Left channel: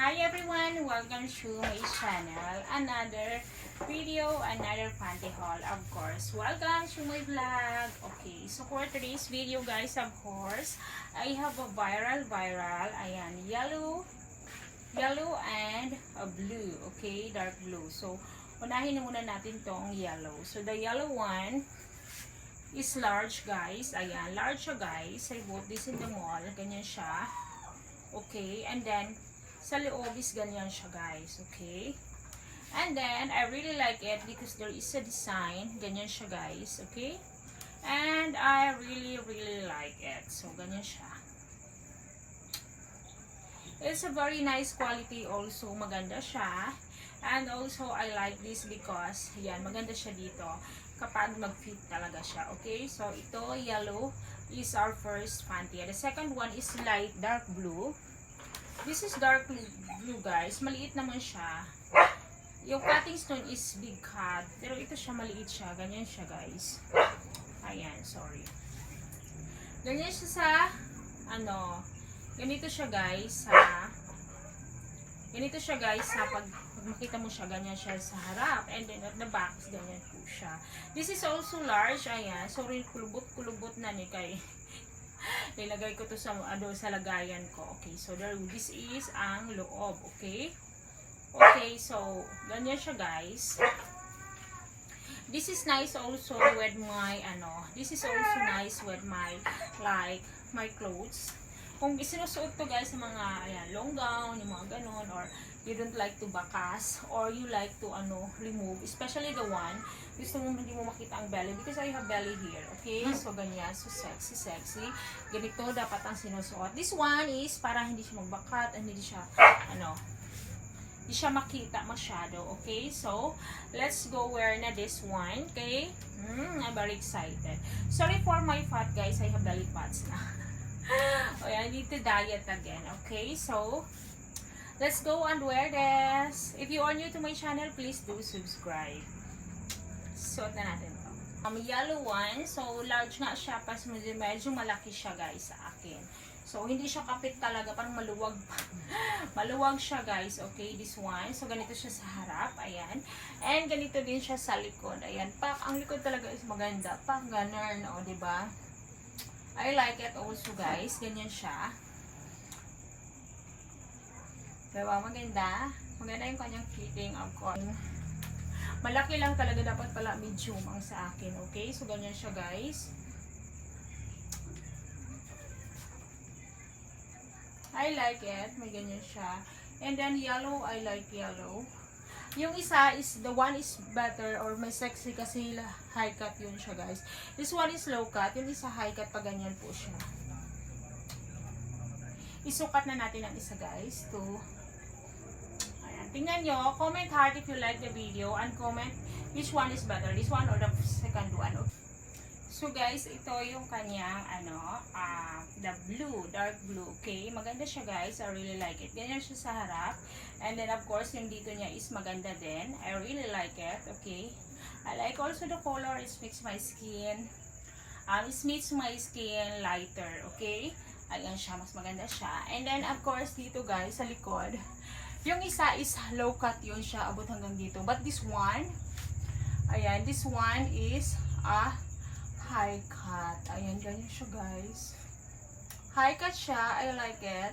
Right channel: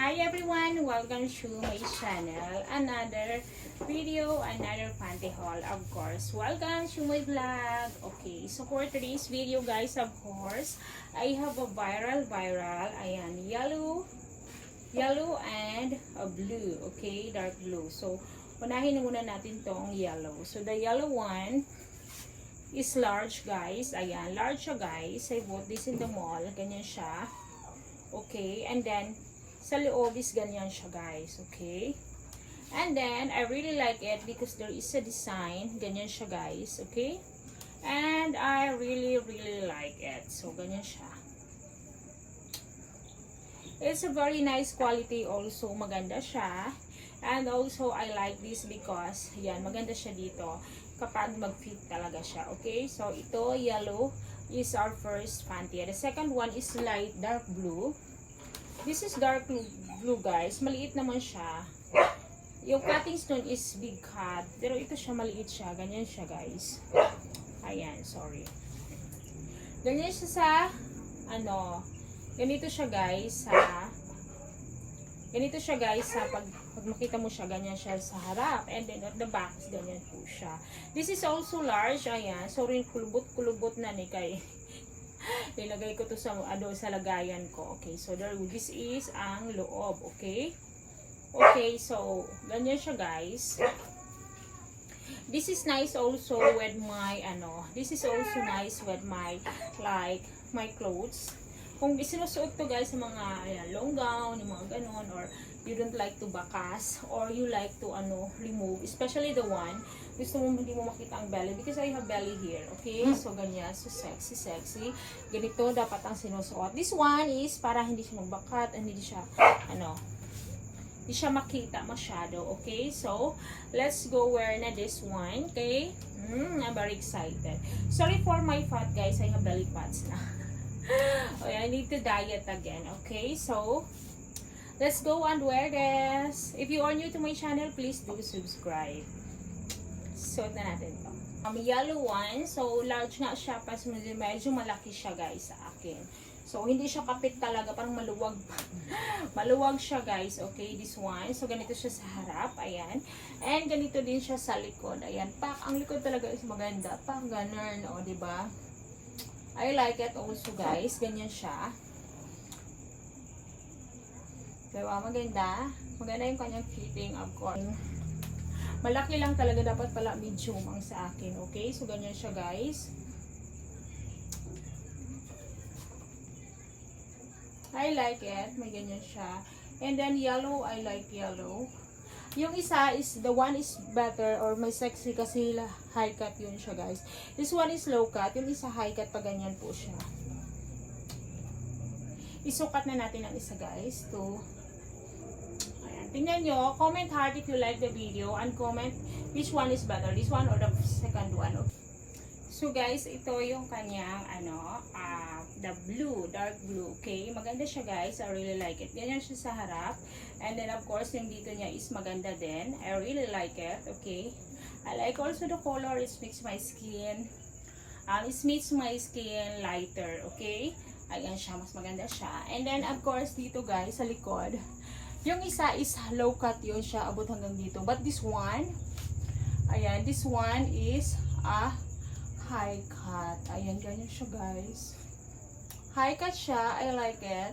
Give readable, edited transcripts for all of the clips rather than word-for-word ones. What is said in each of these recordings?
Hi everyone, welcome to my channel. Another video, another panty haul, of course. Welcome to my vlog. Okay, so for today's video guys, of course, I have a viral. Ayan, yellow and a blue. Okay, dark blue. So, unahin muna natin tong yellow. So, the yellow one is large guys. Ayan, large siya guys. I bought this in the mall. Ganyan siya. Okay, and then sa loob is ganyan siya guys. Okay, and then I really like it because there is a design. Ganyan siya guys. Okay, and I really like it. So ganyan siya. It's a very nice quality also. Maganda siya. And also I like this because yan, maganda siya dito kapag mag-fit talaga siya. Okay, so ito yellow is our first panty. The second one is light dark blue. This is dark blue guys. Maliit naman siya. Yung cutting stone is big cut. Pero ito siya, maliit siya. Ganyan siya guys. Ayan, sorry. Ganyan siya sa, ganito siya guys sa, pag makita mo siya, ganyan siya sa harap. And then at the back, ganyan po siya. This is also large. Ayan, sorry, kulubot na ni kay. Nilagay ko to sa sa lagayan ko. Okay, so this is ang loob. Okay, so ganyan siya guys. This is nice also with my like my clothes. Kung isinusuot to guys sa mga ayan, long gown, yung mga ganon, or you don't like to bakas, or you like to remove, especially the one gusto mo hindi mo makita ang belly because I have belly here. Okay, so ganyan, so sexy. Ganito dapat ang sinusuot. This one is para hindi siya magbakat, hindi siya hindi siya makita masyado. Okay, so let's go wear na this one. Okay, I'm very excited. Sorry for my fat guys, I have belly fats na. Okay, I need to diet again. Okay, so let's go and wear this. If you are new to my channel, please do subscribe. Suot na natin to. Yellow one. So, large nga siya. Pas medyo malaki siya guys sa akin. So, hindi siya kapit talaga. Parang maluwag pa. Maluwag siya guys. Okay, this one. So, ganito siya sa harap. Ayan. And ganito din siya sa likod. Ayan. Ang likod talaga is maganda. Ganun. O, diba? I like it also guys. Ganyan siya. Diba? Maganda. Maganda yung kanyang fitting. Of course. Malaki lang talaga. Dapat pala medium ang sa akin. Okay? So, ganyan siya guys. I like it. May ganyan siya. And then yellow. I like yellow. Yung isa is, the one is better or may sexy kasi high cut yun siya guys. This one is low cut. Yung isa high cut pa ganyan po siya. Isukat na natin ang isa guys. Tingnan nyo, comment heart if you like the video and comment which one is better, this one or the second one. Okay. So guys, ito yung kanyang the blue, dark blue. Okay, maganda siya guys. I really like it. Ganyan siya sa harap. And then of course, yung dito niya is maganda din. I really like it. Okay. I like also the color. It makes my skin lighter. Okay. Ayan siya, mas maganda siya. And then of course, dito guys, sa likod, yung isa is low cut yun siya, abot hanggang dito. But this one, ayan, this one is a high cut. Ayan, ganyan siya guys. High cut siya, I like it.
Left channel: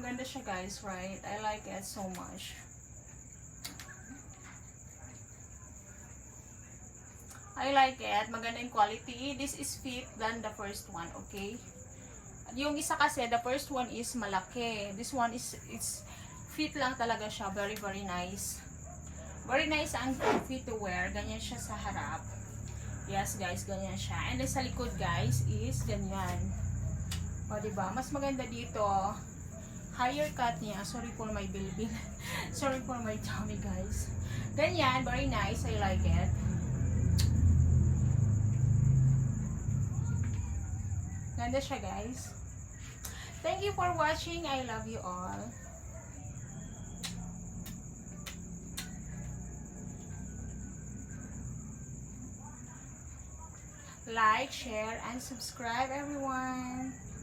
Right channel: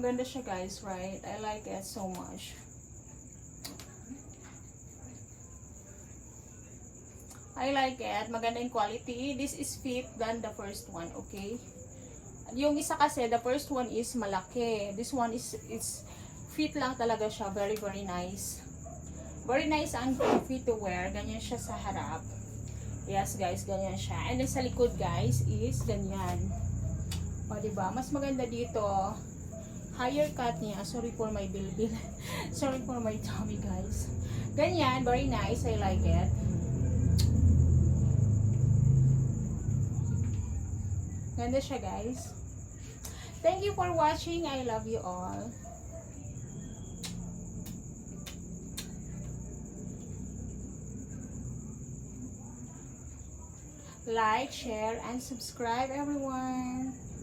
Ganda siya guys, right? I like it so much. I like it. Maganda yung quality. This is fit than the first one. Okay? Yung isa kasi, the first one is malaki. This one is fit lang talaga siya. Very nice. Very nice ang fit to wear. Ganyan siya sa harap. Yes guys, ganyan siya. And then sa likod guys is ganyan. O diba? Mas maganda dito. Higher cut niya. Sorry for my bilbil. Sorry for my tummy guys. Ganyan. Very nice. I like it. Ganda siya guys. Thank you for watching. I love you all. like, share, and subscribe everyone.